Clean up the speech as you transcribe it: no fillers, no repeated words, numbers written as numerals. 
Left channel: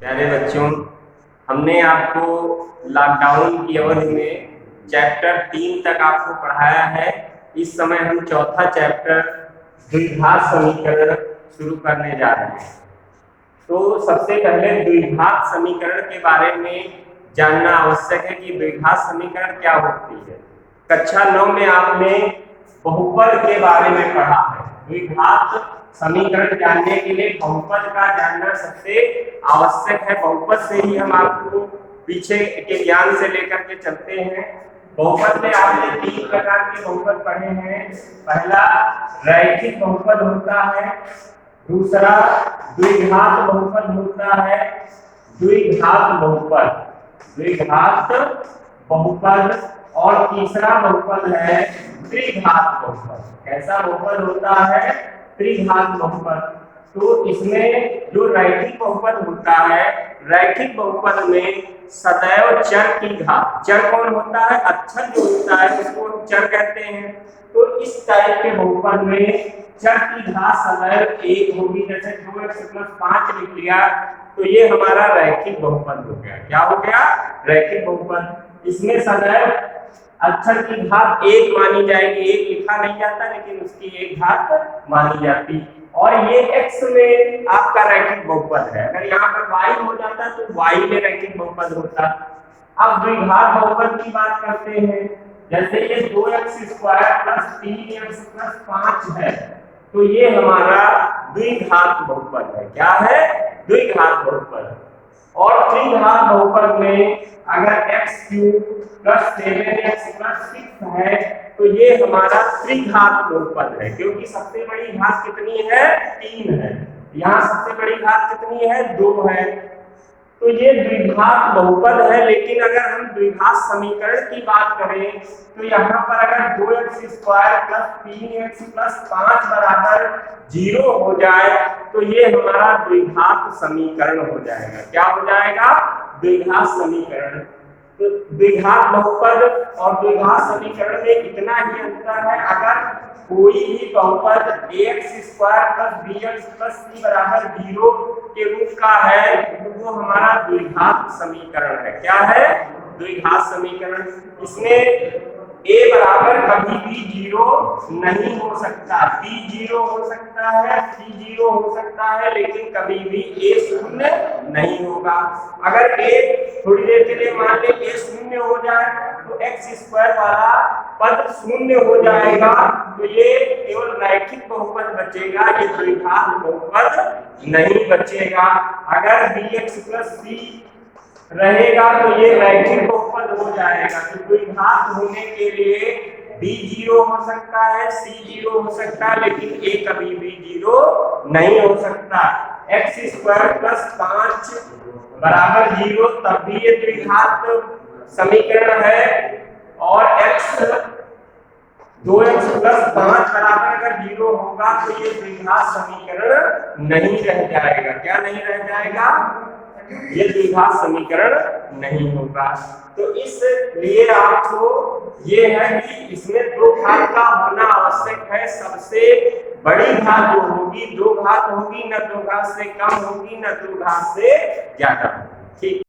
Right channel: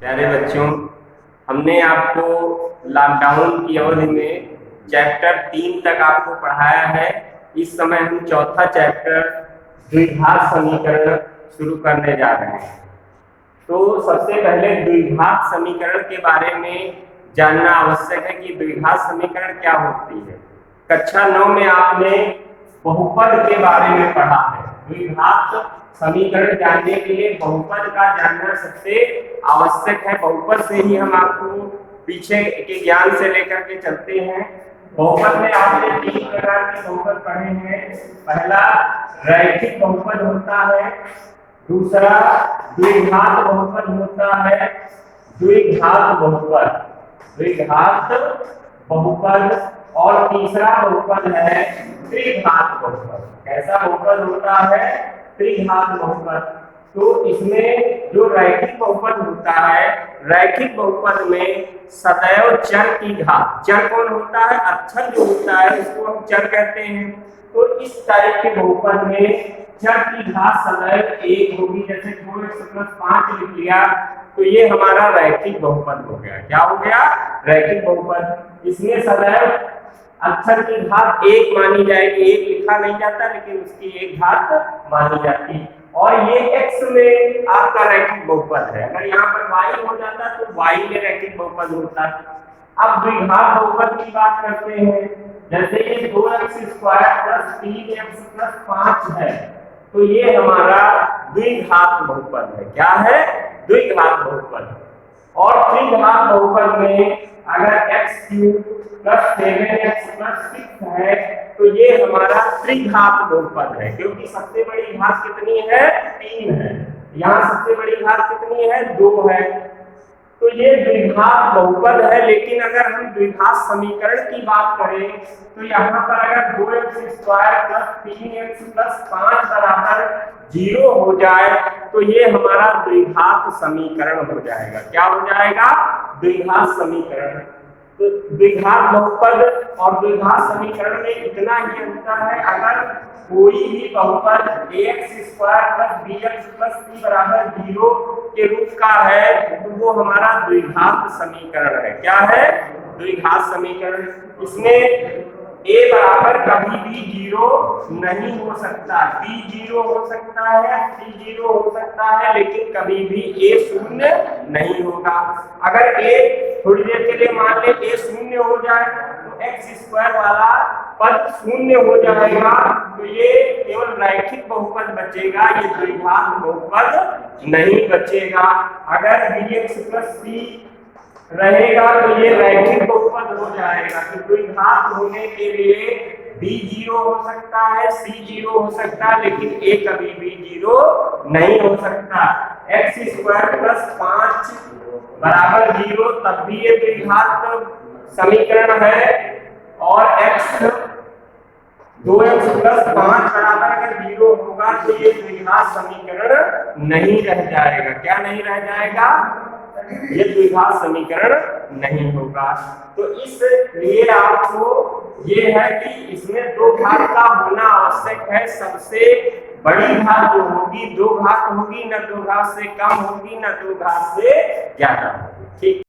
प्यारे बच्चों, हमने आपको लॉकडाउन की अवधि में चैप्टर 3 तक आपको पढ़ाया है। इस समय हम चौथा चैप्टर द्विघात समीकरण शुरू करने जा रहे हैं। तो सबसे पहले द्विघात समीकरण के बारे में जानना आवश्यक है कि द्विघात समीकरण क्या होती है। कक्षा 9 में आपने बहुपद के बारे में पढ़ा है। द्विघात समीकरण जानने के लिए बहुपद का जानना सबसे आवश्यक है। बहुपद से ही हम आपको पीछे के ज्ञान से लेकर के चलते हैं। बहुपद में आपने 3 प्रकार के बहुपद पढ़े हैं। पहला रैखिक बहुपद होता है, दूसरा द्विघात बहुपद होता है, द्विघात बहुपद और तीसरा बहुपद है त्रिघात बहुपद। कैसा बहुपद होता है? त्रिघात बहुपद। तो इसमें जो रैखिक बहुपद होता है, रैखिक बहुपद में सदैव चर की घात, चर कौन होता है? अक्षर जो होता है उसको हम चर कहते हैं। तो इस टाइप के बहुपद में चर की घात सदैव 1 होगी। जैसे 2x + 5 लिख लिया तो ये हमारा रैखिक बहुपद हो गया। क्या हो गया? रैखिक बहुपद। इसमें सदैव अक्षर की घात 1 मानी जाएगी। 1 लिखा नहीं जाता लेकिन उसकी 1 घात मानी जाती। और ये x में आपका रैखिक बहुपद है। अगर यहाँ पर y हो जाता तो y में रैखिक बहुपद होता। अब द्विघात बहुपद की बात करते हैं। जैसे ये 2x² + 3x + 5 है तो ये हमारा द्विघात बहुपद है। क्या है? द्विघात बहुपद। और त्रिघात बहुपद में अगर x³ + 7x + 6 है तो ये हमारा त्रिघात बहुपद है, क्योंकि सबसे बड़ी घात कितनी है? 3 है। यहाँ सबसे बड़ी घात कितनी है? 2 है। तो ये द्विघात बहुपद है। लेकिन अगर हम द्विघात समीकरण की बात करें तो यहाँ पर अगर 2x² + 3x + 5 = 0 हो जाए तो ये हमारा द्विघात समीकरण हो जाएगा। क्या हो जाएगा? द्विघात समीकरण। तो द्विघात बहुपद और द्विघात समीकरण में इतना ही अंतर है। अगर कोई भी बहुपद ax² + bx + c = 0 के रूप का है तो वो हमारा द्विघात समीकरण है। क्या है? द्विघात समीकरण। इसमें a बराबर कभी भी 0 नहीं हो सकता। b 0 हो सकता है, c 0 हो सकता है, लेकिन कभी भी a 0 नहीं होगा। अगर a थोड़ी देर के लिए मान ले a 0 हो जाए तो x² वाला पद 0 हो जाएगा। तो ये केवल रैखिक बहुपद बचेगा, ये द्विघात बहुपद नहीं बचेगा। अगर bx + c रहेगा तो ये रैखिक बहुपद हो जाएगा। तो द्विघात होने के लिए b 0 हो सकता है, c 0 हो सकता है, लेकिन a कभी भी 0 नहीं हो सकता। x² + 5 = 0 तब भी ये द्विघात समीकरण है। और 2x + 5 अगर 0 होगा तो ये द्विघात समीकरण नहीं रह जाएगा। क्या नहीं रह जाएगा? ये द्विघात समीकरण नहीं होगा। तो इसलिए आपको ये है कि इसमें 2 घात का होना आवश्यक है। सबसे बड़ी घात जो होगी 2 घात होगी, न 2 घात से कम होगी, न 2 घात से ज्यादा होगी। ठीक।